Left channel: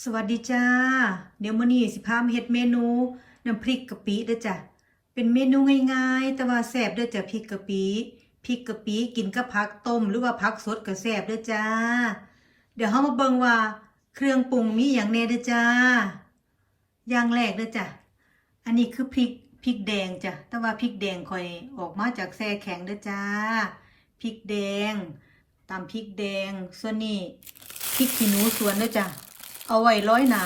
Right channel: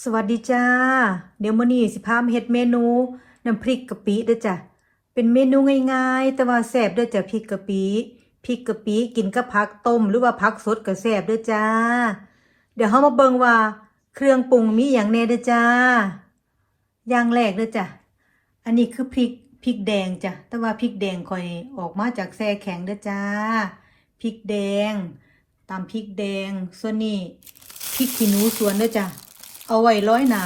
สวัสดีจ้า เดี๋ยวมื้อนี้สิพามาเฮ็ดเมนูน้ำพริกกะปิเด้อจ้ะ เป็นเมนูง่ายๆ แต่ว่าแซ่บเด้อจ้ะพริกกะปิพริกกะปิกินกับผักต้มหรือว่าผักสดก็แซ่บเด้อจ้า เดี๋ยวเฮามาเบิ่งว่า เครื่องปรุงมีหยังแหน่เด้อจ้า อย่างแรกเด้อจ้ะ อันนี้คือพริกพริกแดงจ้ะ แต่ว่าพริกแดงค่อยออกมาจากแช่แข็งเด้อจ้า พริกแดงตามพริกแดง ส่วนนี้พริกขี้หนูสวนเด้อจ้ะ เอาไว้ร้อยหนา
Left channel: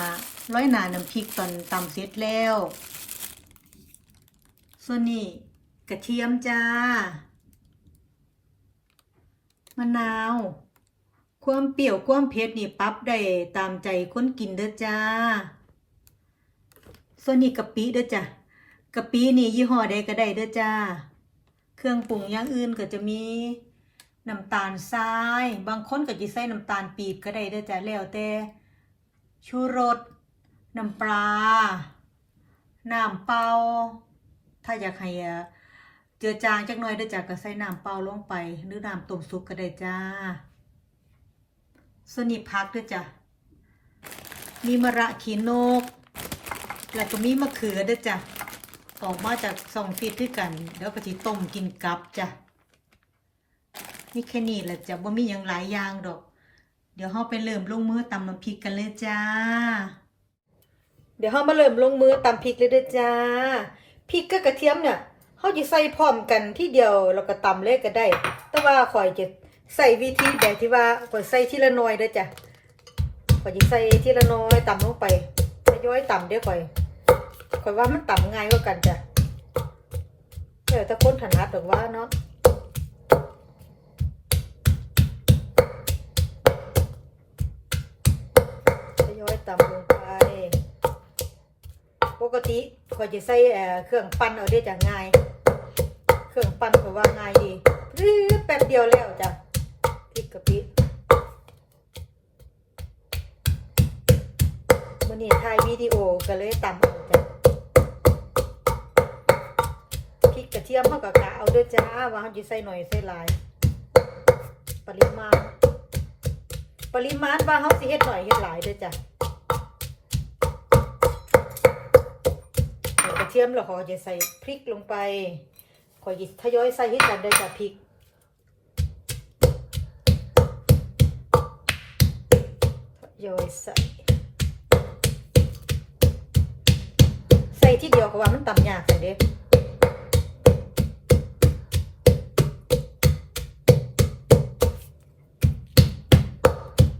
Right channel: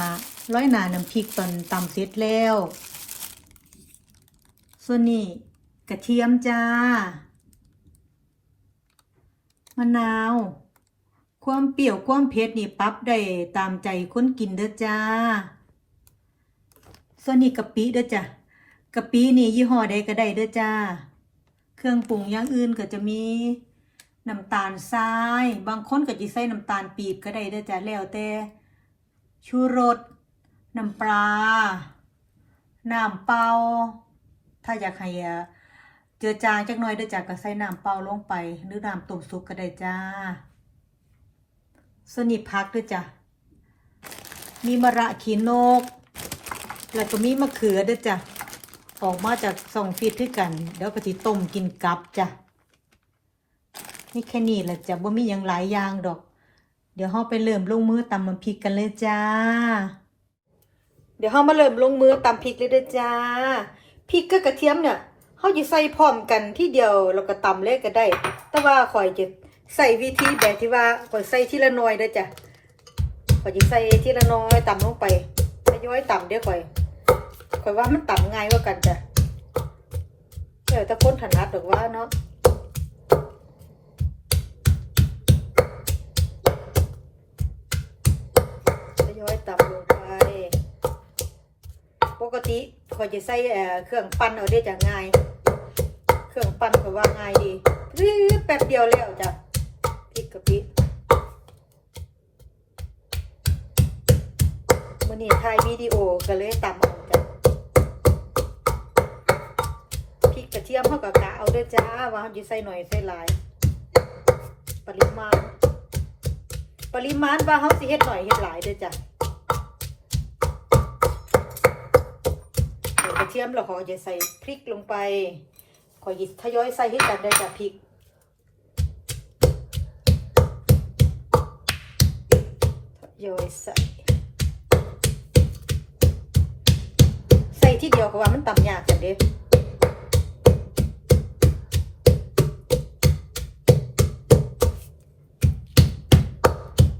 ร้อยหนาน้ำพริกตอนตำเสร็จแล้ว ส่วนนี้กระเทียมจ้ามะนาว ความเปรี้ยวความเผ็ดนี่ปรับได้ตามใจคนกินเด้อจ้า ส่วนนี้กะปิเด้อจ้ะกะปินี่ยี่ห้อใดก็ได้เด้อจ้า เครื่องปรุงอย่างอื่นก็จะมีน้ำตาลทราย บางคนก็จะใส่น้ำตาลปีบก็ได้เด้อจ้ะแล้วแต่ ชูรสน้ำปลา น้ำเปล่า ถ้าอยากให้เจือจางจักหน่อยด้อจ้ะก็ใส่น้ำเปล่าลงไป หรือน้ำต้มสุกก็ได้จ้าสนนี้ผักด้อจ้ะ มีมะระขีนก แล้วก็มีมะเขือด้อจ้ะ ออกมาจากสองฟิตด้วยกัน แล้วก็สิต้มกินกับจ้ะ นี่แค่นี้แหละจ้ะว่ามีอย่างหลายอย่างดอก เดี๋ยวเราไปเริ่มลงมือตำมันพริกกันเลยจ้า เดี๋ยวเรามาเริ่มลงมือตำพริกเลยเด้อจ้า พริกกับกระเทียมเนี่ยเขาจะใส่พร้อมกันที่เดียวแล้วก็ตำเลยก็ได้ แต่ว่าข่อยจะใส่วิธีแบบที่ว่าข่อยใส่ทีละหน่อยเด้อจ้ะข่อยจะใส่ทีละหน้อยตำลงไปทยอยตำเดี๋ยวข่อยข่อยว่ามันตำง่ายกว่ากันจ้ะเดี๋ยวถ้าคนถนัดหรือว่าเนาะ กติข่อยจะใส่เครื่องปั้นเอาได้จากง่าย เครื่องปั้นก็ว่าง่ายดีรื้อแป๊บเดียวแล้วจ้ะพริกกะปิวันนี้ถ่ายวิดีโอก็เลยตำเอาจ้ะพริกกระเทียมเขากับกะเอาด้วยจ้าว่าเขาจะใส่หน่อยใส่หลาย ปริมาณ ปริมาณว่าเขาสิเฮ็ดหน่อยเฮ็ดหลายเด้อจ้ะ ทียมแล้วก็จะใส่พริกลงไปขอหยิบทยอยใส่ให้กันได้จ้ะพริกยอยใส่ใส่ที่เดียวก็ว่ามันตำยากกันเด้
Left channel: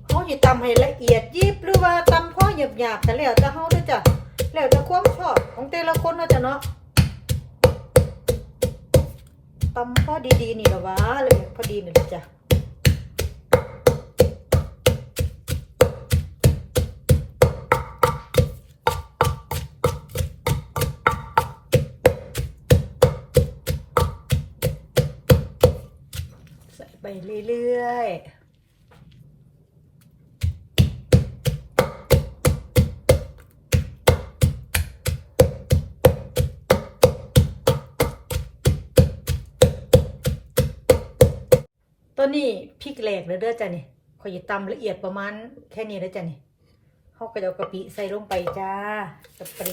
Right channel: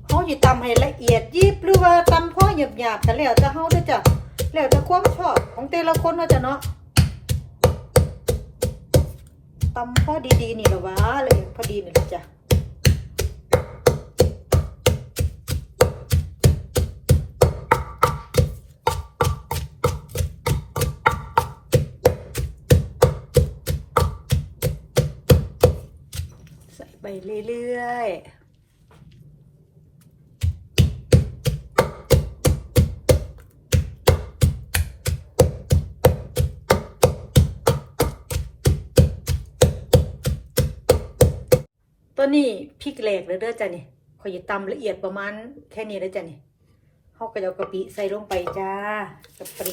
เขาจะตำให้ละเอียดยิบหรือว่าตำพ่อหยาบหยาบๆแต่แล้วแต่เขาเด้อจ้ะแล้วแต่ความชอบ ของแต่ละคนว่าจะเนาะตำพอดีๆนี่นะวะเลยพอดีนี่ละจ้ะ ตอนนี้พริกแหลกเลยเด้อจ้ะนี่ขอยจะตำละเอียดประมาณแค่นี้เด้อจ้ะนี่เขาก็เอากะปิใส่ลงไปจ้ากะปิ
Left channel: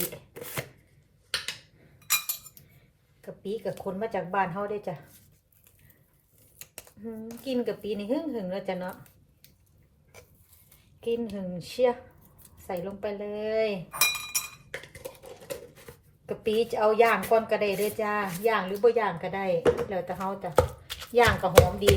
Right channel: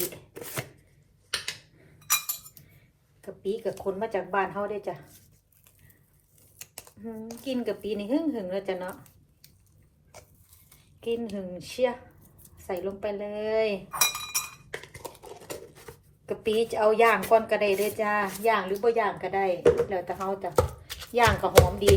กะปิกับคนมาจากบ้านเขาได้อจ้ะกินกะปินี่หึ่งหึงๆแล้วจ้ะเนาะกินหึงเชียใส่ลงไปเลยกะปิจะเอาย่างก่อนก็ได้เด้อจ้าย่างหรือบ่ย่างก็ได้แล้วแต่เขาจ้ะย่างกับหอมดี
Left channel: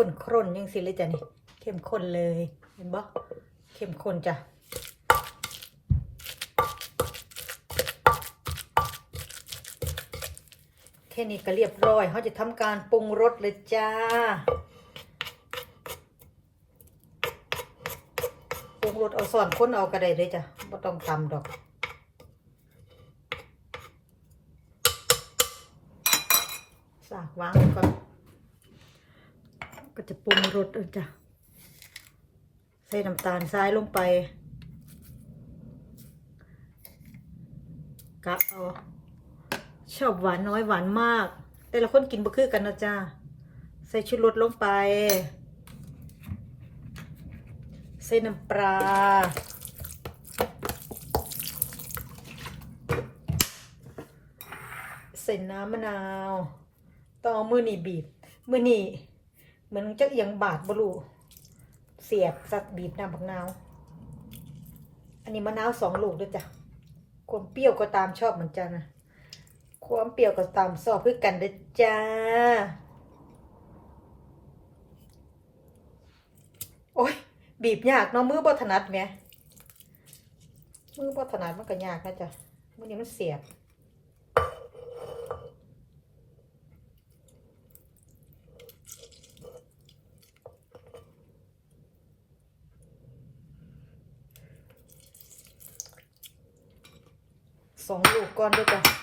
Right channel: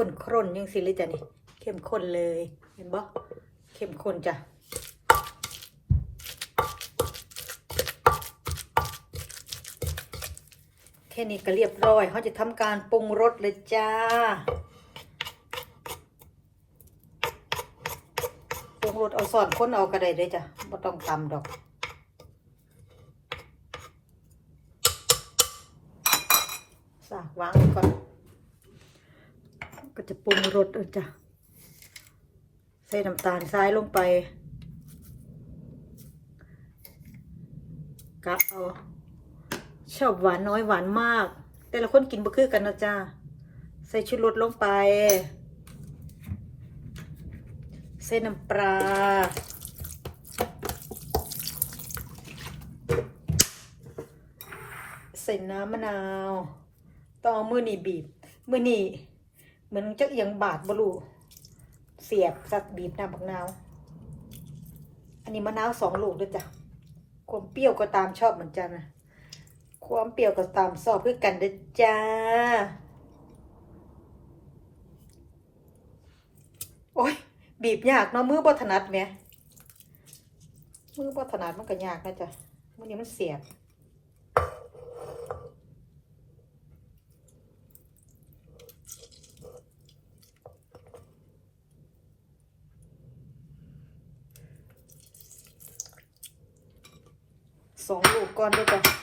ข้นคร่นยังสิเลยจ้ะนี่ เข้มข้นเลย เห็นบ่เข้มข้นจ้ะแค่นี้ก็เรียบร้อยเขาจะทำการปรุงรสเลยจ้าปรุงรสเอาสอนคนเอาก็ได้เลยจ้ะไม่ต้องตำดอกสามวางไว้ก่อน จะปรุงรสเออจ้ะใส่น้ำตาลทรายลงไปกะเอาชอบหวานน้อยหวานมาก แต่ละคนกินบ่คือกันนะจ้าใส่ชูรสลงไป ใส่น้ำปลาใส่น้ำมะนาวต่อมือนี่บีบมือนี่ เหมือนจะเอียงบาดบลูเสียบสักบีบน้ำผักนาว อันนี้มะนาวสองลูกด้วยจ้ะความเปรี้ยวก็ตามชอบเหมือนกันนะความเปรี้ยวก็ตามชอบคือกันเด้อจ้าโอ้ยบีบยากเนาะมือบ่ถนัดแหมมือบ่ถนัดมันก็ยากนะจ๊ะมันนี้มันเสียบ ส องลูกก่อนด้วยจ้ะ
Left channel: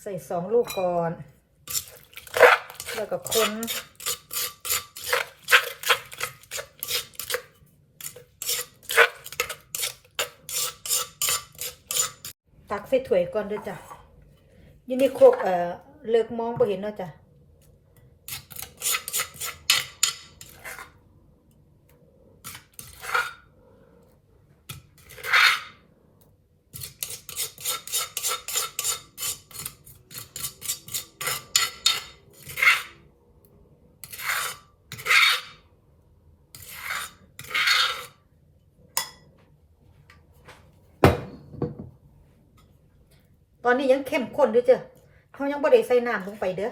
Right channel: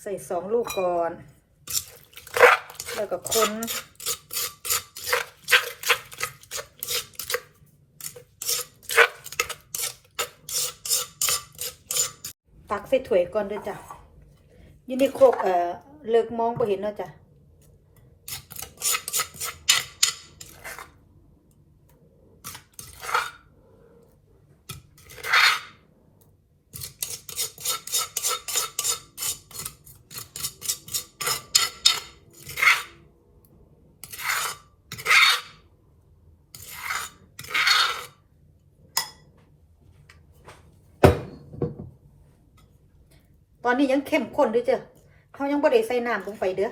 ใส่สองลูกก่อนแล้วก็คนตักใส่ถ้วยก่อนด้วยจ้ะยี่นี่โคกเอ่อเลิกมองบ่เห็นเนาะจ้ะ ตอนนี้ยังเข้มข้นด้วยเจ้ะเขายังบ่ได้ใส่น้ำลงไปเด้อ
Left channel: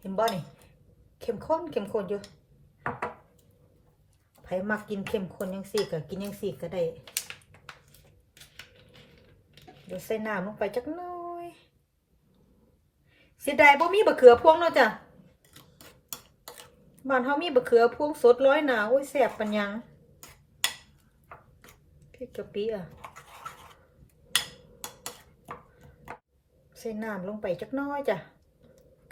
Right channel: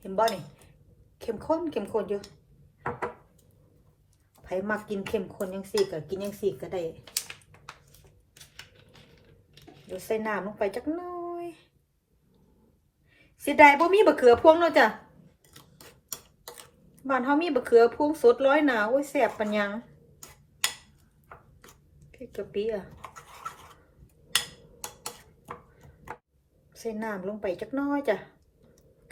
เห็นบ่นี่เข้มข้นเข้มข้นอยู่ไผมักกินเข้มข้นยังสี่ก็กินยังสี่ก็ได้เดี๋ยวใส่น้ำลงไปจักหน่อยเสียดายบ่มีบะเขือพวงเนาะจ้ะบ้านเฮามีบะเขือพวงสดร้อยหนาโอ้ยแซ่บปัญญังพริกกะปิอะ ส่น้ำลงไปจักน้อยจ้ะ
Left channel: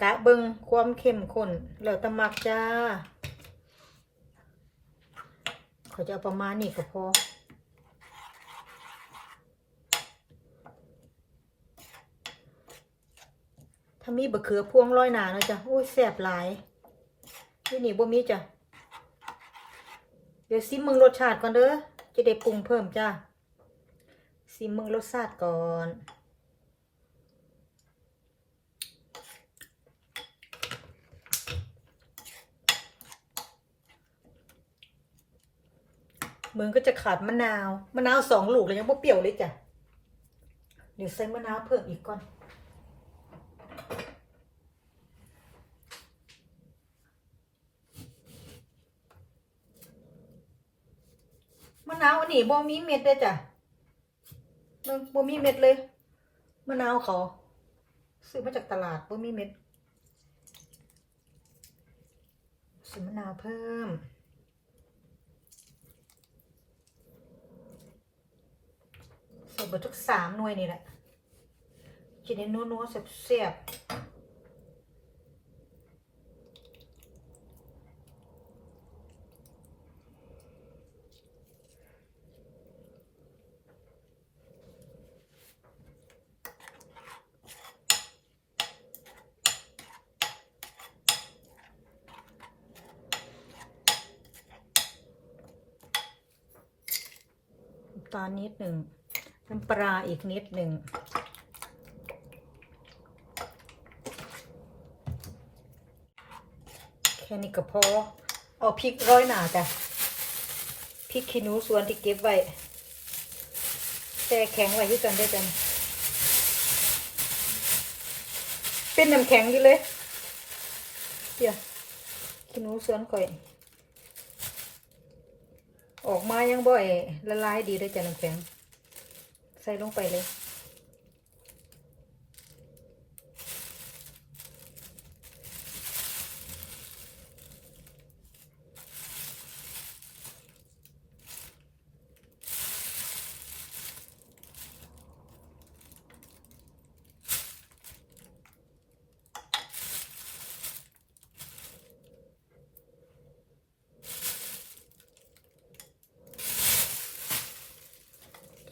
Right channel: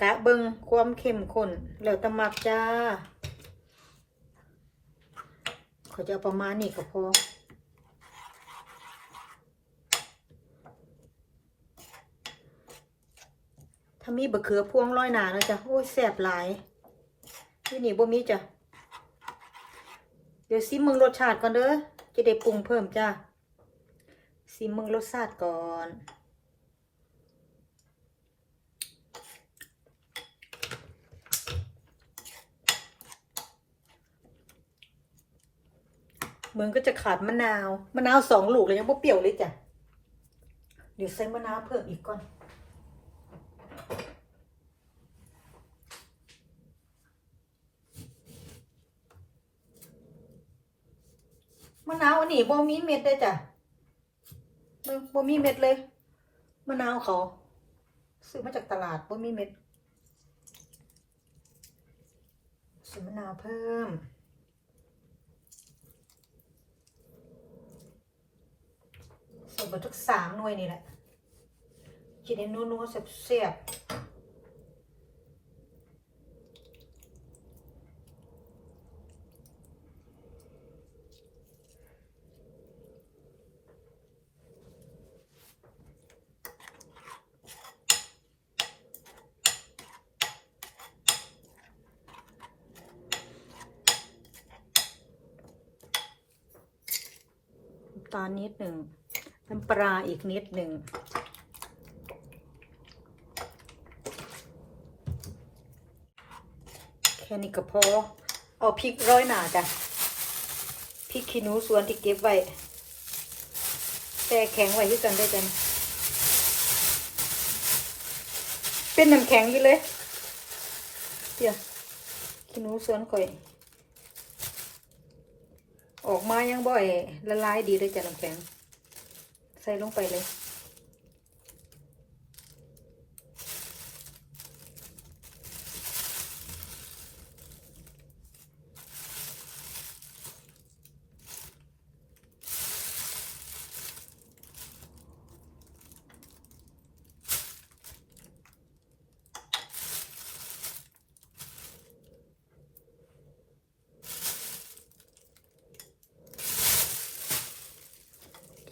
กะเบิงความเข้มข้นแล้วตะมักจ้าเขาจะประมาณนี้ก็พอถ้ามีบะเขือพวงร้อยหนานะจ้ะโอ้ยแซ่บหลายที่นี่บ่มีจ้ะเดี๋ยวซิมมึงรสชาติก่อนเด้อจะได้ปรุงเพิ่มจ้าซิมมึงรสชาติก่อน มึงก็จะขาดมะนาว มะนาวสองลูกเลยยังพวกเปรี้ยวเลยจ้ะ เดี๋ยวใส่มะนาวเพิ่มอีกก่อนมะนาวอันนี้บ่มีเม็ดเลยจ้ะเบิ่งบ่มีเม็ดเลย มะนาวเขาซื้อมาจากตลาดบ่มีเม็ดใส่มะนาวเพิ่ม ใส่เบดทุกสามหน่วยนี่แหละกินให้นัวๆเสียบๆตอนนิดหนึ่ง น้ำปลาอีกนิดหนึ่งแค่นี้ก็พอ เอาพริกร้อยหนาจ้ะพริกขี้หนูส่วนที่เก็บไว้แช่แข็งไว้ด้วยกันได้จ้ะเป็นน้ำแข็งอยู่เลยเดี๋ยวขี้หนูส่วนก่อยออกมายังบ่อยละลายดีเลยจ้ะน้ำแข็ง ใส่ลงไปเลย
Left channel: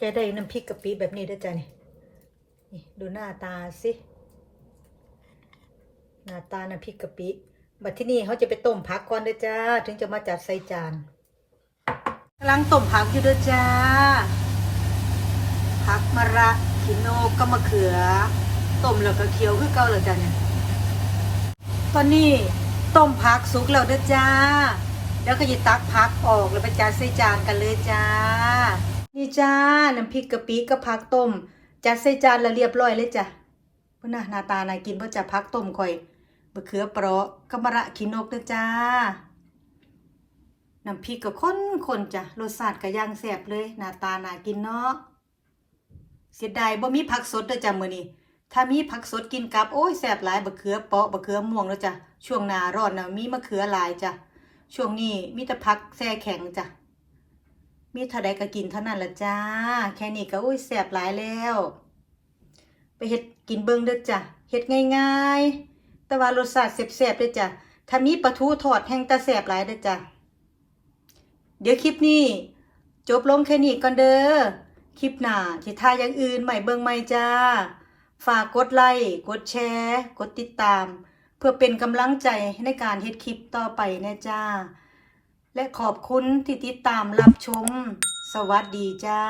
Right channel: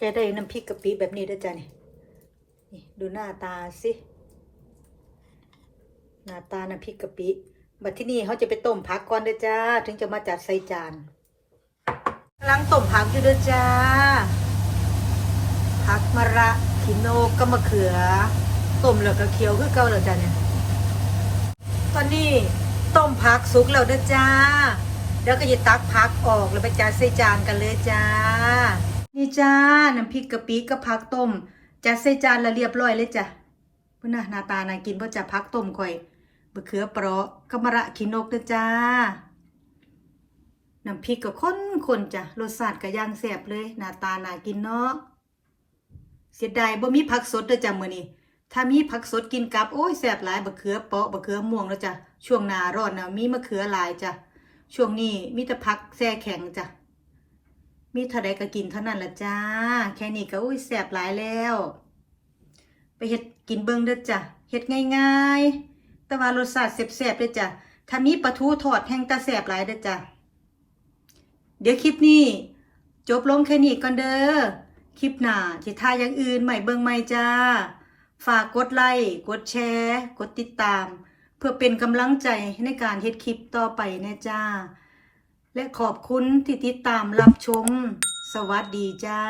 จะได้น้ำพริกกะปิแบบนี้ด้วยจ้ะนี่ดูหน้าตาสิหน้าตาน้ำพริกกะปิบัดที่นี่เขาจะไปต้มผักก่อนเด้อจ้า ถึงจะมาจัดใส่จานกำลังต้มผักอยู่เด้อจ้าผักมะระขิโนกก็มะเขือต้มแล้วก็เคี่ยวก็เก่าแล้วจ้ะเนี่ยตอนนี้ต้มผักสุกแล้วเด้อจ้าเดี๋ยวก็จะตักผักออกแล้วไปจัดใส่จานกันเลยจ้า นี่จ้า น้ำพริกกะปิกับผักต้ม จัดใส่จานแล้วเรียบร้อยเลยจ้ะพุ่นน่ะหน้าตาน่ากินเพราะจะผักต้มข่อยมะเขือเปราะกะมะระขินกเด้อจ้า น้ำพริกก็ข้นๆจ้ะ รสชาติก็ย่างแซ่บเลย หน้าตาน่ากินเนาะ เสียดายบ่มีผักสดเด้อจ้ะมื้อนี้ ถ้ามีผักสดกินกับโอ้ยแซ่บหลายบะเขือเปาะบะเขือม่วงแล้วจ้ะ ช่วงหน้าร้อนนะมีมะเขือหลายจ้ะ ช่วงนี้มีแต่ผักแช่แข็งจ้ะ มีเท่าใดก็กินเท่านั้นละจ้า แค่นี้ก็อุ้ยแซ่บหลายแล้ว ไปเฮ็ดกินเบิ่งเด้อจ้ะเฮ็ดง่ายๆ แต่ว่ารสชาติแซ่บๆเด้อจ้ะถ้ามีปลาทูทอดแห้งตาแซ่บหลายเด้อจ้ะเดี๋ยวคลิปนี้ จบลงแค่นี้ก่อนเด้อคลิปหน้าที่ท่าอย่างอื่นใหม่เบิ่งใหม่จ้า ฝากกดไลค์กดแชร์ กดติดตาม เพื่อเป็นกำลังใจในการเฮ็ดคลิปต่อไปนะจ้า และขอบคุณที่ติดตามรับชม สวัสดีจ้า